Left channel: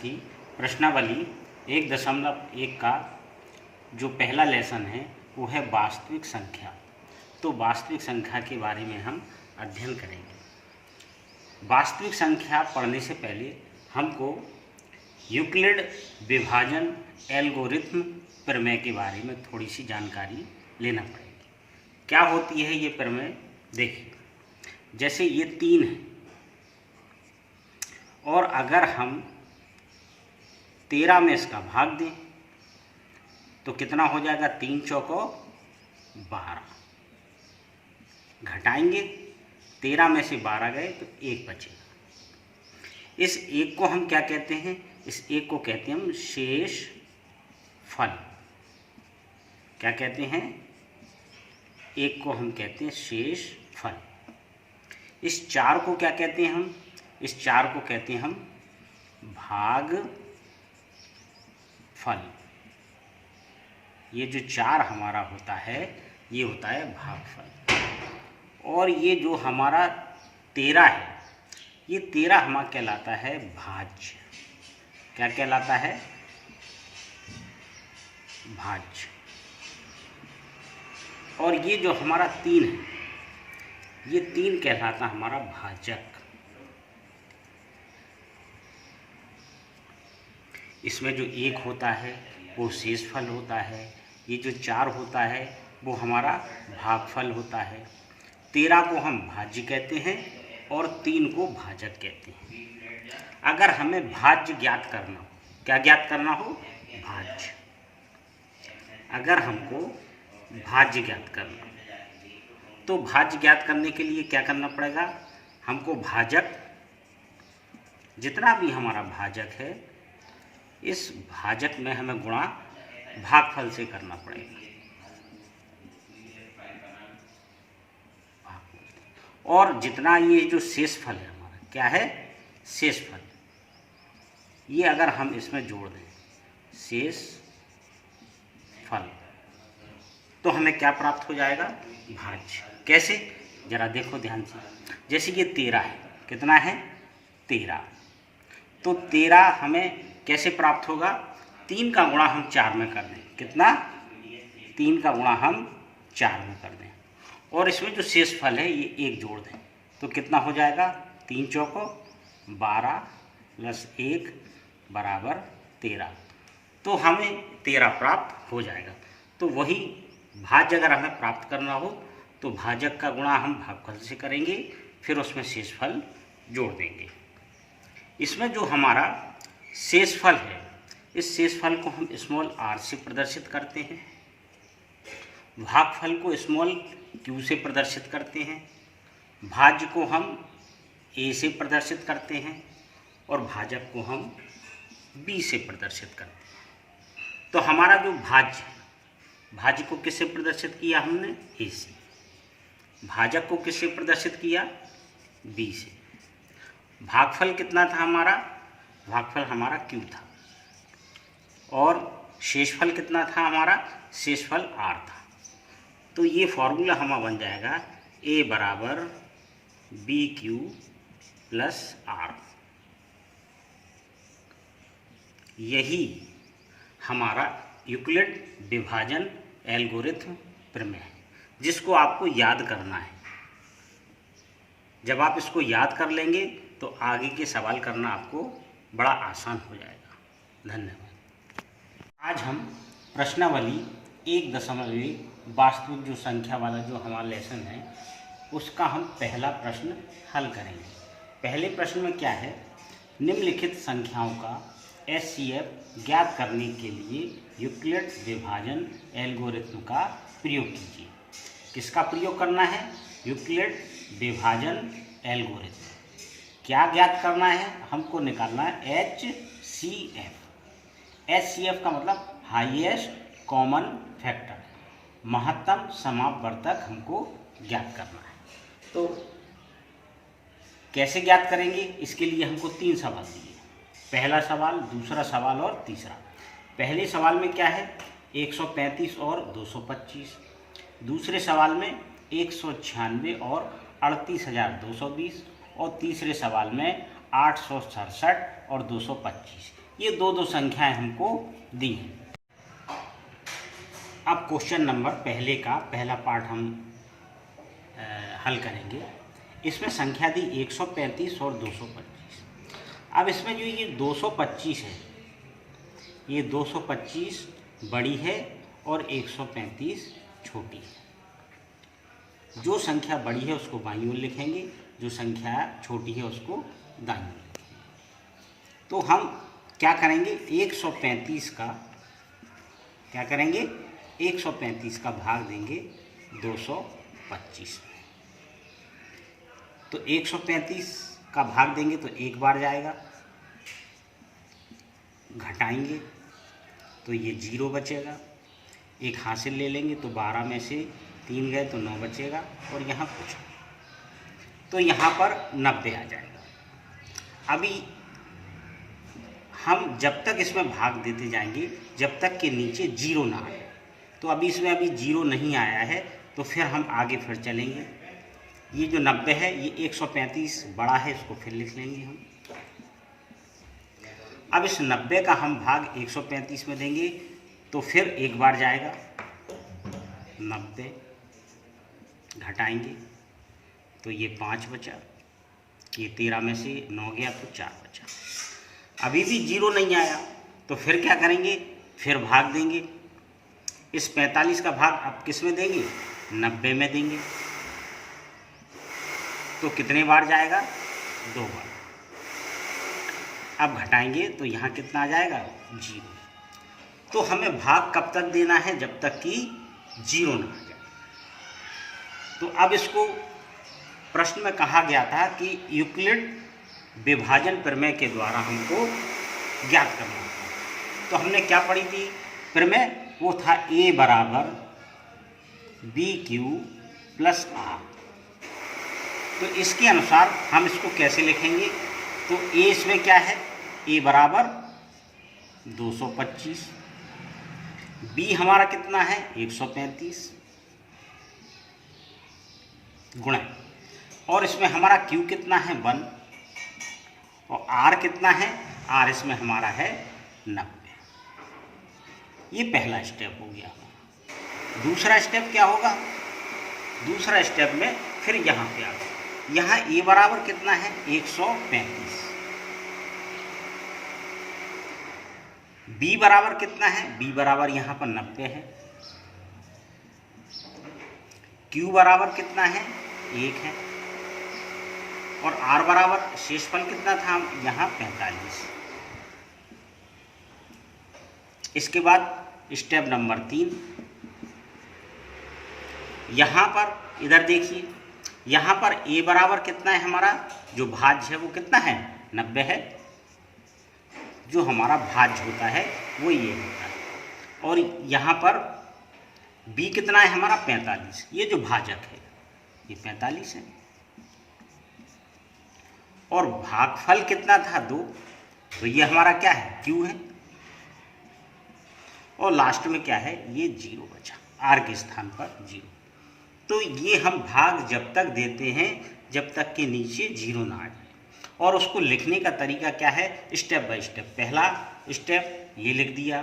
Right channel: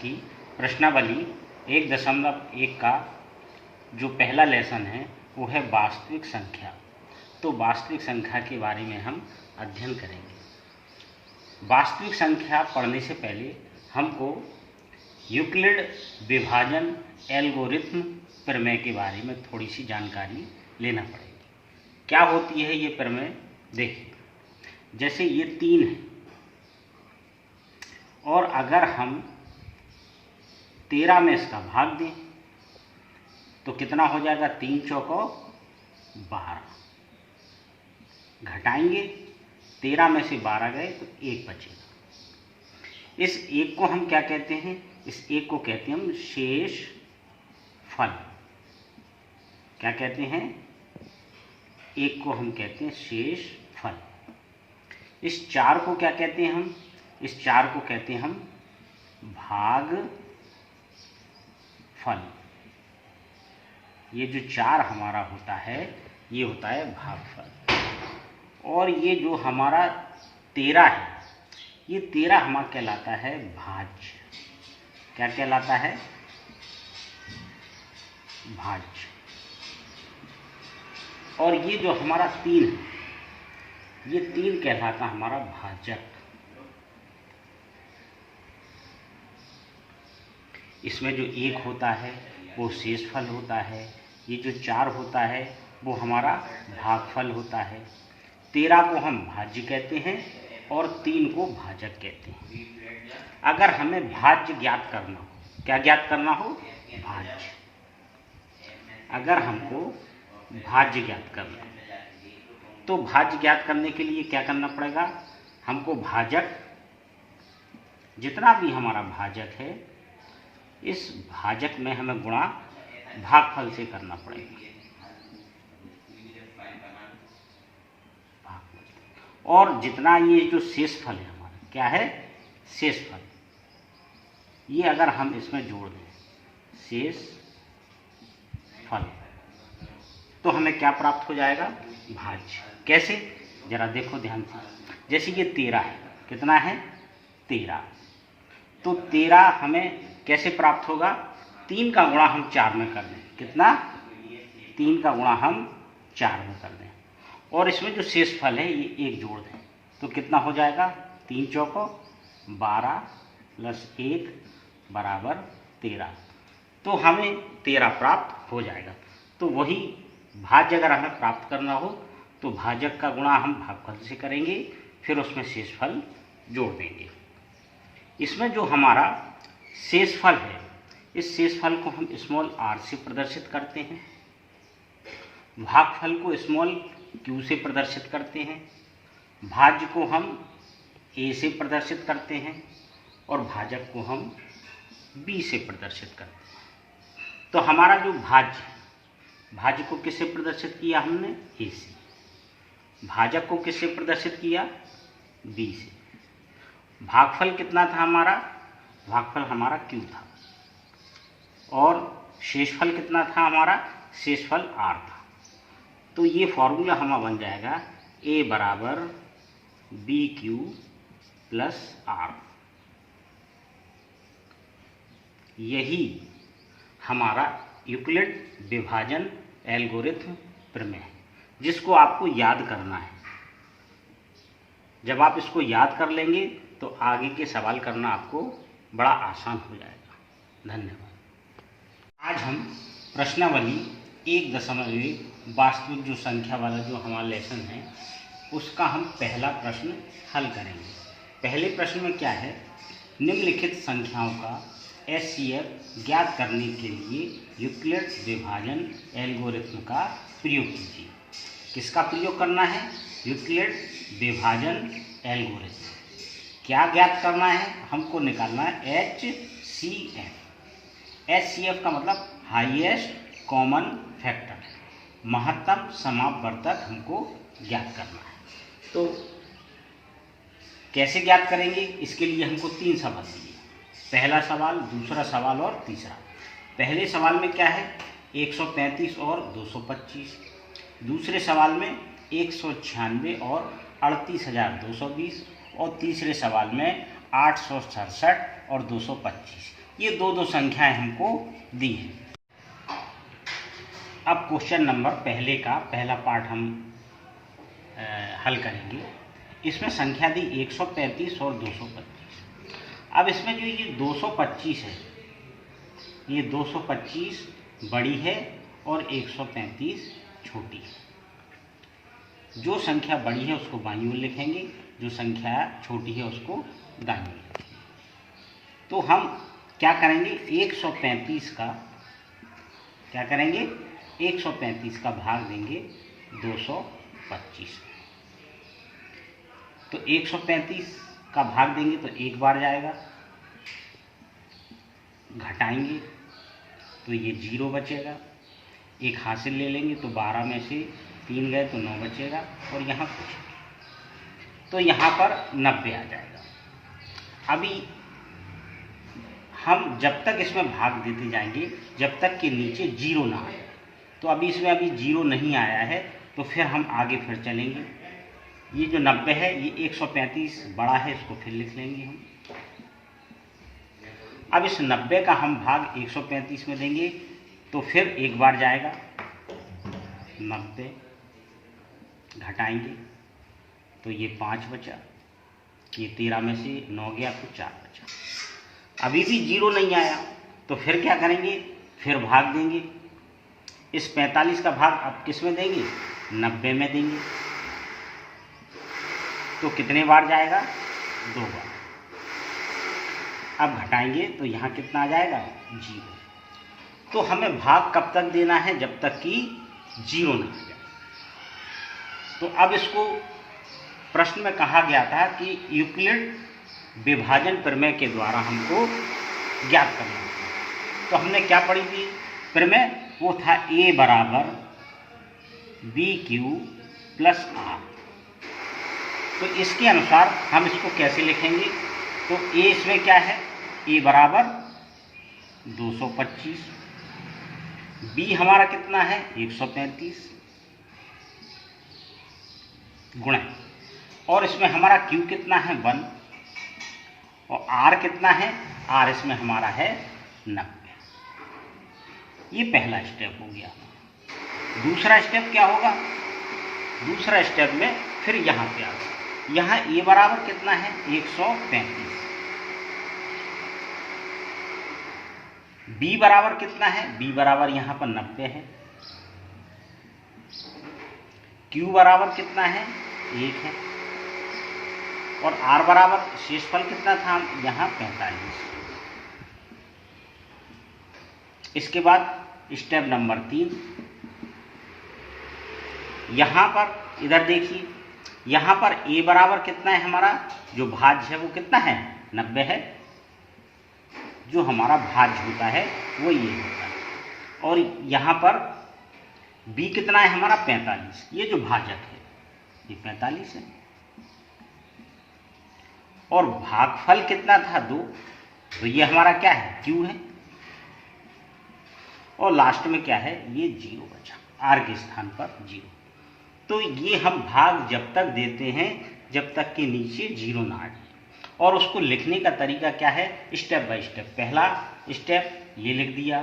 की प्रश्नावली 1.1 का जो पहला लेसन है वो है वास्तविक संख्या। तो वास्तविक संख्या के बारे में हम अध्ययन करेंगे। वास्तविक संख्या पढ़ने से पहले हमको यूक्लिड विभाजन एल्गोरिथम प्रमेय के बारे में थोड़ी सी जानकारी लेना पड़ेगी। क्या होती है ये प्रमेय? देखिए, जैसे ये 3 है और अगर हम 13 में इसका भाग दें तो कितना हो जाएगा? 3 चौको 12। घटाएंगे, 13 में से 12 गए तो 1 बचेगा। इस 1 को हम क्या कहते हैं? इस 1 को कहते हैं हम शेष फल। क्या कहते हैं? 1 को हम कहते हैं शेष फल। इस 4 को क्या कहते हैं हम? इस 4 को कहते हैं हम भाग फल। ये जो 4 हमारा होता है ये होता है भागफल। और ये जो हमारा 13 है, ये 13 हमारा कहलाता है भाज्य। क्या कहलाता है? भाज्य। और ये जो हमारा 3 है, ये 3 कहलाता हमारा भाजक। इसमें जो 1 होता है वो शेषफल होता है, ये जो 4 होता है वो हमारा भागफल होता है। 13 को हम भाज्य कहते हैं और 3 को भाजक कहते हैं। अगर हमें भाज्य ज्ञात करना हो, क्या ज्ञात करना हो? भाज्य। अगर हमको भाज्य ज्ञात करना हो तो भाज्य ज्ञात करने के लिए क्या करना पड़ेगा? हमको भाजक, जितना भी हमारा भाजक है, इस भाजक में हमें गुणा भागफल से करना पड़ेगा। और जितना ये जो शेषफल है हमारा, क्या है? शेषफल। ये अगर हम इसमें जोड़ दें शेषफल तो हमें क्या प्राप्त हो जाएगा? भाज्य। कैसे? जरा देखो ध्यान से। जैसे ये 13 है, कितना है? 13। तो 13 हमें कैसे प्राप्त होगा? 3 का गुणा हम 4 में कर दें। कितना? 3 का गुणा हम 4 में कर दें। और इसमें जो शेषफल है ये 1 जोड़ दें तो कितना हो जाएगा? 3 चौको 12 प्लस 1 बराबर 13। तो हमें 13 प्राप्त हो जाएगा। तो वही भाज्य अगर हमें प्राप्त करना हो तो भाजक का गुणा हम भागफल से करेंगे, फिर उसमें शेषफल जोड़ देंगे। इसमें जो हमारा शेषफल है, इस शेषफल को हम स्मॉल r से प्रदर्शित करते हैं, भागफल को स्मॉल q से प्रदर्शित करते हैं, भाज्य को हम a से प्रदर्शित करते हैं और भाजक को हम b से प्रदर्शित करते हैं। तो हमारा जो भाज्य को किससे प्रदर्शित किया हमने? a से। भाजक को किससे प्रदर्शित किया? b से। भागफल कितना था हमारा? भागफल हमारा q था। और शेषफल कितना था हमारा? शेषफल r था। तो ये फॉर्मूला हमारा बन जाएगा a बराबर BQ प्लस R। यही हमारा यूक्लिड विभाजन एल्गोरिथम प्रमेय है, जिसको आपको याद करना है। जब आप इसको याद कर लेंगे तो आगे के सवाल करना आपको बड़ा आसान हो जाएगा। धन्यवाद। आज हम प्रश्नावली 1.1 वास्तविक जो संख्या वाला जो हमारा लेसन है उसका हम पहला प्रश्न हल करेंगे। पहले प्रश्न में क्या है? निम्नलिखित संख्याओं का HCF ज्ञात करने के लिए यूक्लिड विभाजन एल्गोरिथम का प्रयोग कीजिए। किसका प्रयोग करना है? यूक्लिड विभाजन एल्गोरिथम। क्या ज्ञात करना है? हमको निकालना है HCF। HCF का मतलब हाईएस्ट कॉमन फैक्टर, महत्तम समापवर्तक हमको ज्ञात करना है। तो कैसे ज्ञात करेंगे? इसके लिए हमको 3 सवाल दिए, पहला सवाल, दूसरा सवाल और तीसरा। पहले सवाल में क्या है? 135 और 225। दूसरे सवाल में 196 और 38,220 और तीसरे सवाल में 867 और 225। ये दो दो संख्याएं हमको दी हैं। अब क्वेश्चन नंबर पहले का पहला पार्ट हम हल करेंगे। इसमें संख्या दी 135 और 225। अब इसमें जो ये 225 है, ये 225 बड़ी है और 135 छोटी है। जो संख्या बड़ी है उसको बाईं ओर लिखेंगे, जो संख्या छोटी है उसको दाईं ओर लिखेंगे। तो हम क्या करेंगे, 135 का क्या करेंगे, 135 का भाग देंगे 225। तो 135 का भाग देंगे तो एक बार जाएगा, घटाएंगे तो ये 0 बचेगा, एक हासिल ले लेंगे तो 12 में से 3 गए तो 9 बचेगा, और यहाँ कुछ, तो यहाँ पर 90 आ जाएगा। अभी हम जब तक इसमें भाग देते जाएंगे जब तक कि नीचे 0 ना आए। तो अभी इसमें अभी 0 नहीं आया है, तो फिर हम आगे फिर चलेंगे। ये जो 90 है ये 135 बड़ा है, इसको फिर लिख लेंगे हम। अब इस 90 का हम भाग 135 में देंगे तो फिर एक बार जाएगा, 90 घटाएंगे तो ये 5 बचा, ये 13 में से 9 गया तो 4 बचा। अभी भी 0 नहीं आया तो फिर क्या करेंगे, फिर भाग देंगे। इस 45 का भाग अब किस में देंगे, 90 में देंगे। तो कितने बार जाएगा, 2 बार। अब घटाएंगे तो यहाँ कितना आ जाएगा, 0। तो हमें भाग कब तक देना है, जब तक कि 0 ना आ जाए। तो अब इसको प्रश्न में कहा गया था कि यूक्लिड विभाजन प्रमेय के द्वारा हमको ज्ञात करना था। तो हमने क्या पढ़ी थी प्रमेय, वो था A बराबर BQ प्लस R। तो इसके अनुसार हम इसको कैसे लिखेंगे, तो A इसमें क्या है, A बराबर 225, B हमारा कितना है 135 गुणा, और इसमें हमारा Q कितना है 1, और R कितना है, R इसमें हमारा है 90। ये पहला स्टेप हो गया। दूसरा स्टेप क्या होगा, दूसरा स्टेप में फिर यहाँ पे आ गया, यहाँ A बराबर कितना है 135, B बराबर कितना है, B बराबर यहाँ पर 90 है, Q बराबर कितना है 1 है, और R बराबर शेषफल कितना था यहाँ 45। इसके बाद स्टेप नंबर 3, यहाँ पर इधर देखिए, यहाँ पर A बराबर कितना है, हमारा जो भाज्य है वो कितना है 90 है, जो हमारा भाज्य होता है वो ये होता है, और यहाँ पर B कितना है हमारा 45, ये जो भाजक है ये 45 है, और भागफल कितना था 2, तो ये हमारा क्या है Q है, और लास्ट में क्या है ये 0 बचा, R के स्थान पर 0। तो ये हम भाग जब तक देते हैं जब तक कि नीचे 0 ना आ जाए, और उसको लिखने का तरीका क्या है, स्टेप बाय स्टेप। पहला स्टेप ये लिख दिया,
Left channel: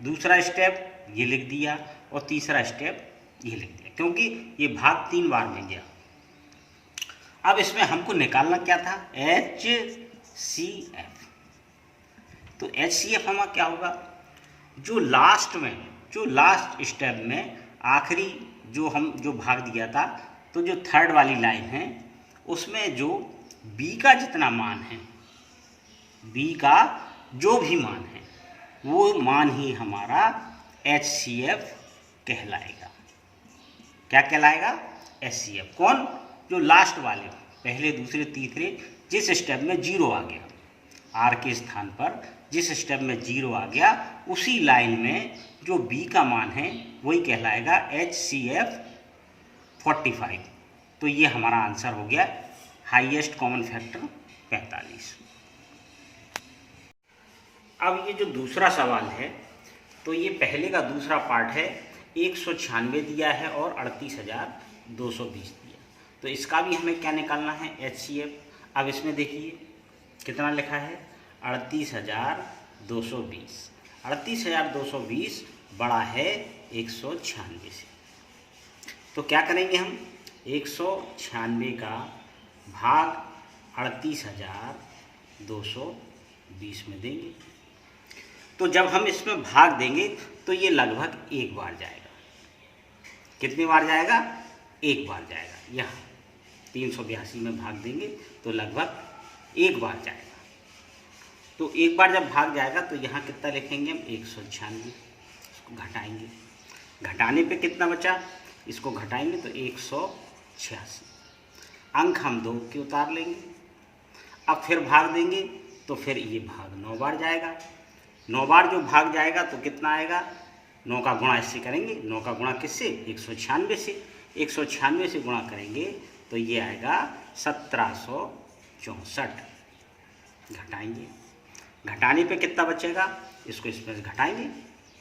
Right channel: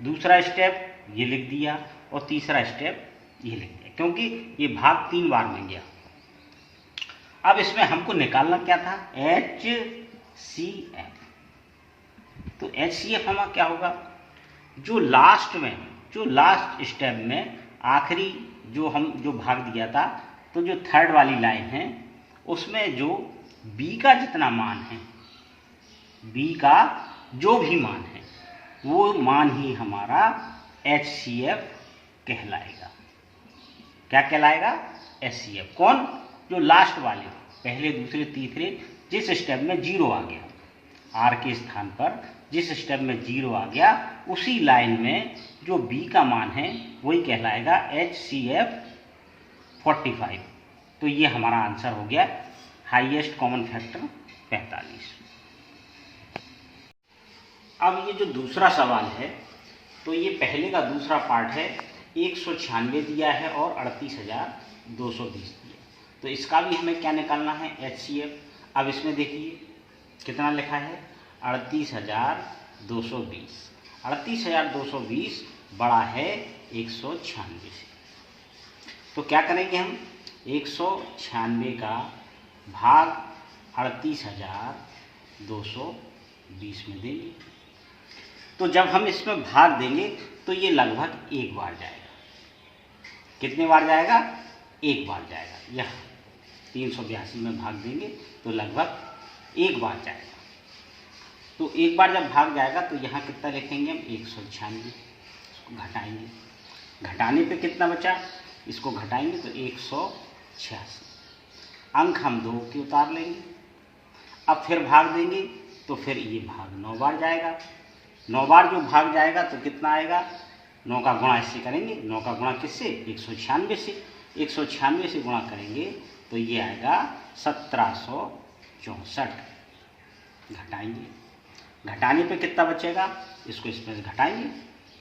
दूसरा स्टेप ये लिख दिया, और तीसरा स्टेप ये लिख दिया, क्योंकि ये भाग 3 बार में गया। अब इसमें हमको निकालना क्या था, HCF। तो HCF हमारा क्या होगा, जो लास्ट में, जो लास्ट स्टेप में आखिरी जो भाग दिया था, तो जो थर्ड वाली लाइन है उसमें जो B का जितना मान है, B का जो भी मान है वो मान ही हमारा HCF कहलाएगा। क्या कहलाएगा, HCF। कौन, जो लास्ट वाले, पहले दूसरे तीसरे जिस स्टेप में 0 आ गया, R के स्थान पर जिस स्टेप में 0 आ गया, उसी लाइन में जो B का मान है वही कहलाएगा HCF 45। तो ये हमारा आंसर हो गया, हाईएस्ट कॉमन फैक्टर 45। अब ये जो दूसरा सवाल है, तो ये पहले का दूसरा पार्ट है, 196 दिया है और 38,220 दिया। तो इसका भी हमें क्या निकालना है, HCF। अब इसमें देखिए कितना लिखा है, 38,220 220। 38,220 बड़ा है 196 से। तो क्या करेंगे हम, 196 का भाग 38,220 में देंगे। तो जब हम इसमें भाग देंगे तो ये लगभग एक बार जाएगा। कितने बार जाएगा, एक बार जाएगा। यहाँ 382 में भाग देंगे तो लगभग एक बार जाएगा। तो एक बार जब भाग जाएगा तो यहाँ कितना लिखेंगे हम, 196। इसको घटाएंगे, घटाने पे कितना बचा, इसको घटाएंगे तो 186। अंक हम 2 के उतार लेंगे। अब फिर भाग देंगे तो फिर ये भाग 9 बार जाएगा। 9 बार जो भाग जाएगा तो कितना आएगा, 9 का गुणा इससे करेंगे। 9 का गुणा किससे, 196 से। 196 से गुणा करेंगे तो ये आएगा 1764। घटाएंगे, घटाने पे कितना बचेगा, इसको इसमें से घटाएंगे,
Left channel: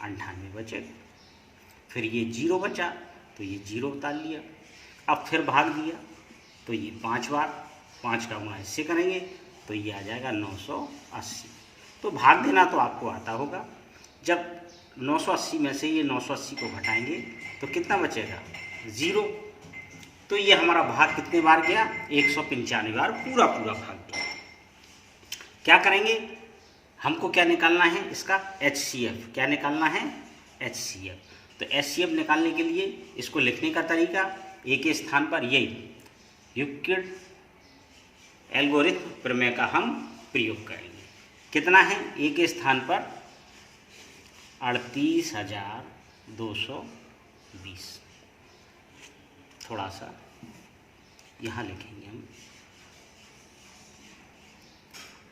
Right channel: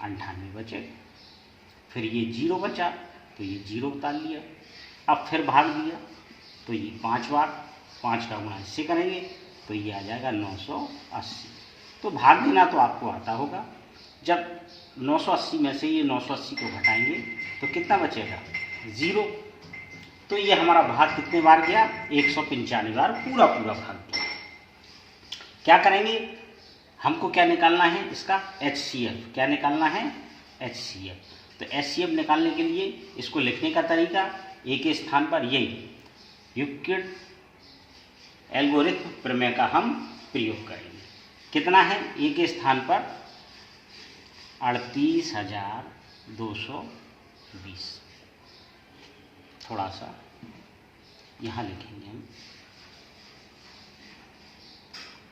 98 बचेगा। फिर ये 0 बचा तो ये 0 उतार लिया। अब फिर भाग दिया तो ये 5 बार, 5 का गुणा इससे करेंगे तो ये आ जाएगा 980। तो भाग देना तो आपको आता होगा। जब 980 में से ये 980 को घटाएंगे तो कितना बचेगा, 0। तो ये हमारा भाग कितने बार गया, 195 बार पूरा भाग गया। क्या करेंगे, हमको क्या निकालना है, इसका HCF। क्या निकालना है, HCF। तो HCF निकालने के लिए इसको लिखने का तरीका, ए के स्थान पर यही यूक्लिड एल्गोरिथम प्रमेय का हम प्रयोग करेंगे। कितना है, ए के स्थान पर 38,220। थोड़ा सा यहाँ लिखेंगे हम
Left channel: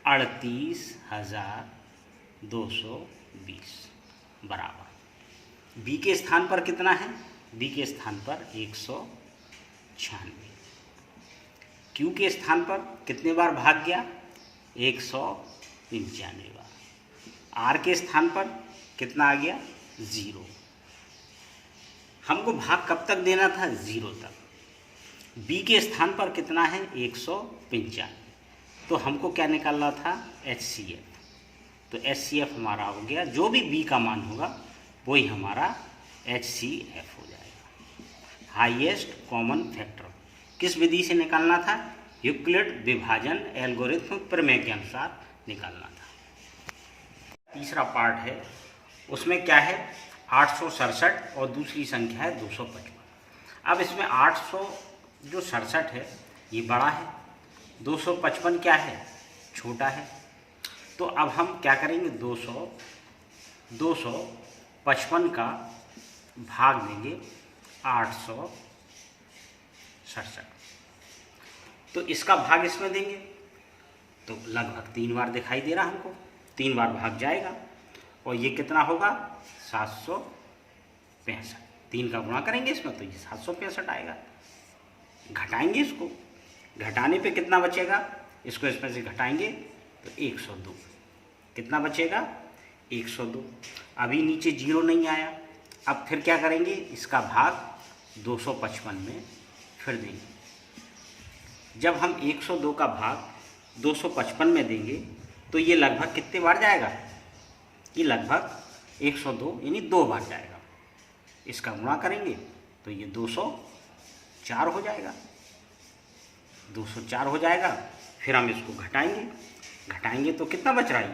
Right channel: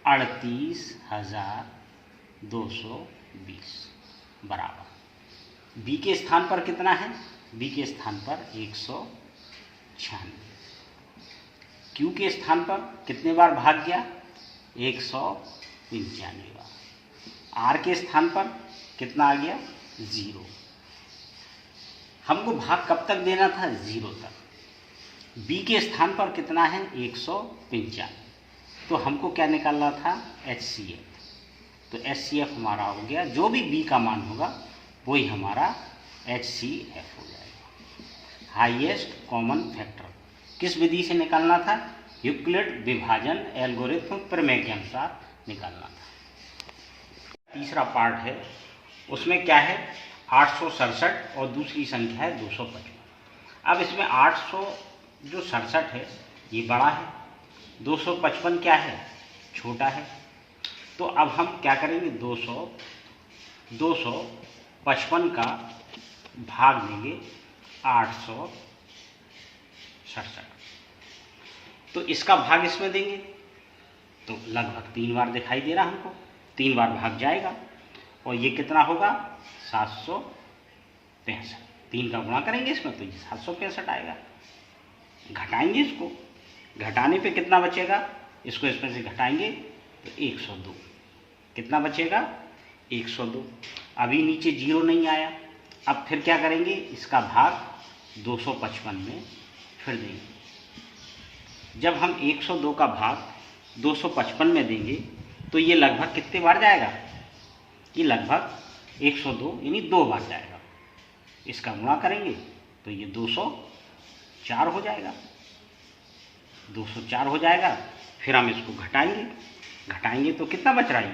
38,220 बराबर। बी के स्थान पर कितना है, बी के स्थान पर 196। क्यू के स्थान पर कितने बार भाग गया, 195 बार। आर के स्थान पर कितना आ गया, 0। हमको भाग कब तक देना था, 0 तक। बी के स्थान पर कितना है, 195। तो हमको क्या निकालना था, HCF। तो HCF हमारा हो गया, जो भी बी का मान होगा वही हमारा HCF हो जाएगा, हाईएस्ट कॉमन फैक्टर। किस विधि से निकालना था, यूक्लिड विभाजन एल्गोरिथम प्रमेय के अनुसार निकालना था। तीसरा पार्ट है, उसमें क्या है, 867 और दूसरी संख्या है 255। अब इसमें 867 है ये बड़ा है, 255 क्या है, छोटा है। तो अब हम क्या करेंगे, 255 का भाग देंगे 867। तो इसका भाग इसमें देंगे तो लगभग 3 बार दिखाई दे रहा हमको, 3 बार भाग जाएगा और ये कितना होगा, 765। 3 का गुणा करेंगे इसमें तो ये 765 आएगा। घटाएंगे इसको, घटाने पे कितना बचेगा, इसको इसमें से घटाएंगे तो 102। कितना बचेगा, 102। अभी नीचे 0 नहीं आया। अब फिर क्या करेंगे, इसका भाग 255 में फिर देंगे। जब हम 102 का भाग 255 में देंगे तो ये लगभग कितने बार जाएगा, ये लगभग 102 यानी 2 बार जाएगा। इसका गुणा करेंगे तो ये 204 हो जाएगा, 204 हो जाएगा। फिर हम इसको घटाएंगे, घटाएंगे तो कितना बच रहा है, ये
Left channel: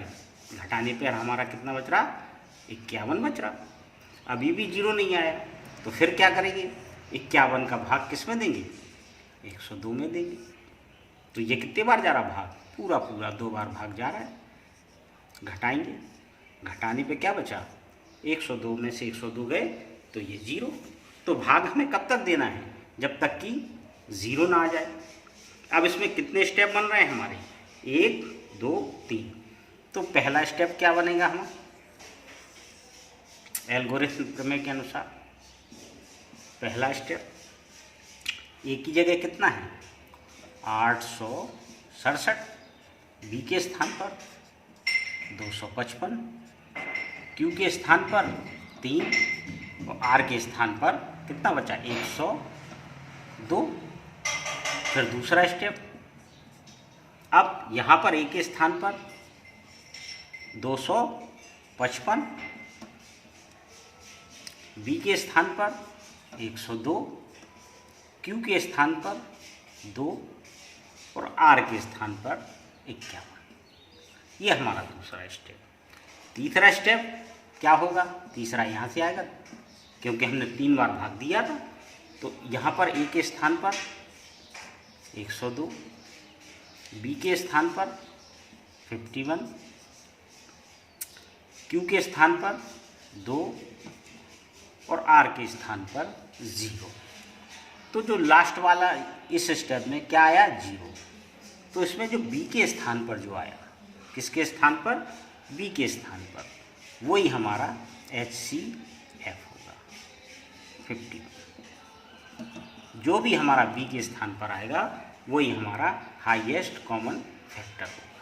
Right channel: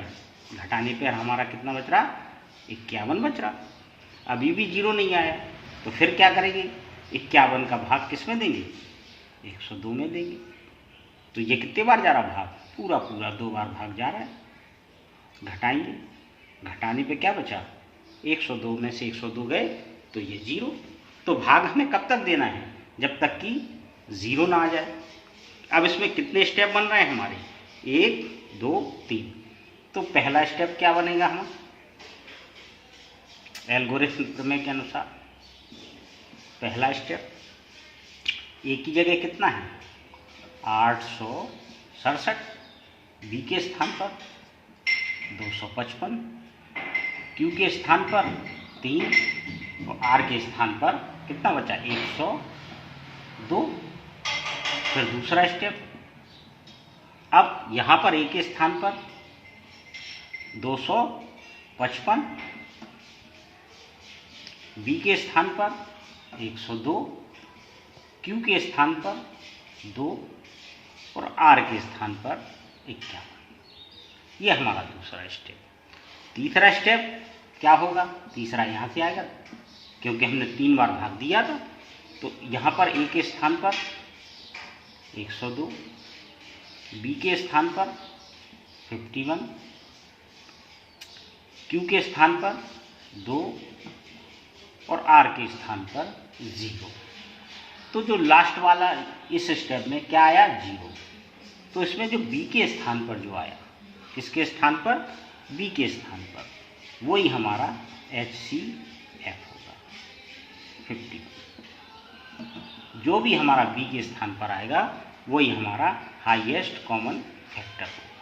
घटाने पर हमारा कितना बच रहा, 51 बच रहा। अभी भी 0 नहीं आया तो फिर क्या करेंगे, 51 का भाग किस में देंगे, 102 में देंगे। तो ये कितने बार जा रहा भाग, पूरा 2 बार भाग जा रहा है। घटाएंगे, घटाने पे क्या बचा, 102 में से 102 गए तो ये 0। तो भाग हमें कब तक देना है, जब तक कि 0 ना आ जाए। अब इसमें कितने स्टेप बन रहे हैं हमारे, 1 2 3। तो पहला स्टेप क्या बनेगा हमारा, एल्गोरिथम प्रमेय के अनुसार पहला स्टेप, ए की जगह कितना है 867, बी के स्थान पर 255, क्यू के स्थान पर 3 और आर के स्थान पर कितना बचा 102। फिर दूसरा स्टेप, अब यहाँ पर ए के स्थान पर 255 55, बी के स्थान पर 102, क्यू के स्थान पर 2 और आर के स्थान पर 51। ये हमारा दूसरा स्टेप। तीसरा स्टेप क्या होगा? तीसरा यहाँ से आएगा, क्योंकि हमने 3 बार भाग दिया था। तो यहाँ पर ए के स्थान पर 102, बी के स्थान पर 51, क्यू के स्थान पर 2 और आर के स्थान पर 0। तो जो लास्ट वाला इस स्टेप में क्या आया? 0। तो इसमें जो बी के स्थान पर जो आया, किसके स्थान पर? बी के स्थान पर, वही हमारा HCF होगा 51। जो भी हमारा बी के स्थान पर आएगा वही हमारा हाईएस्ट कॉमन फैक्टर होगा।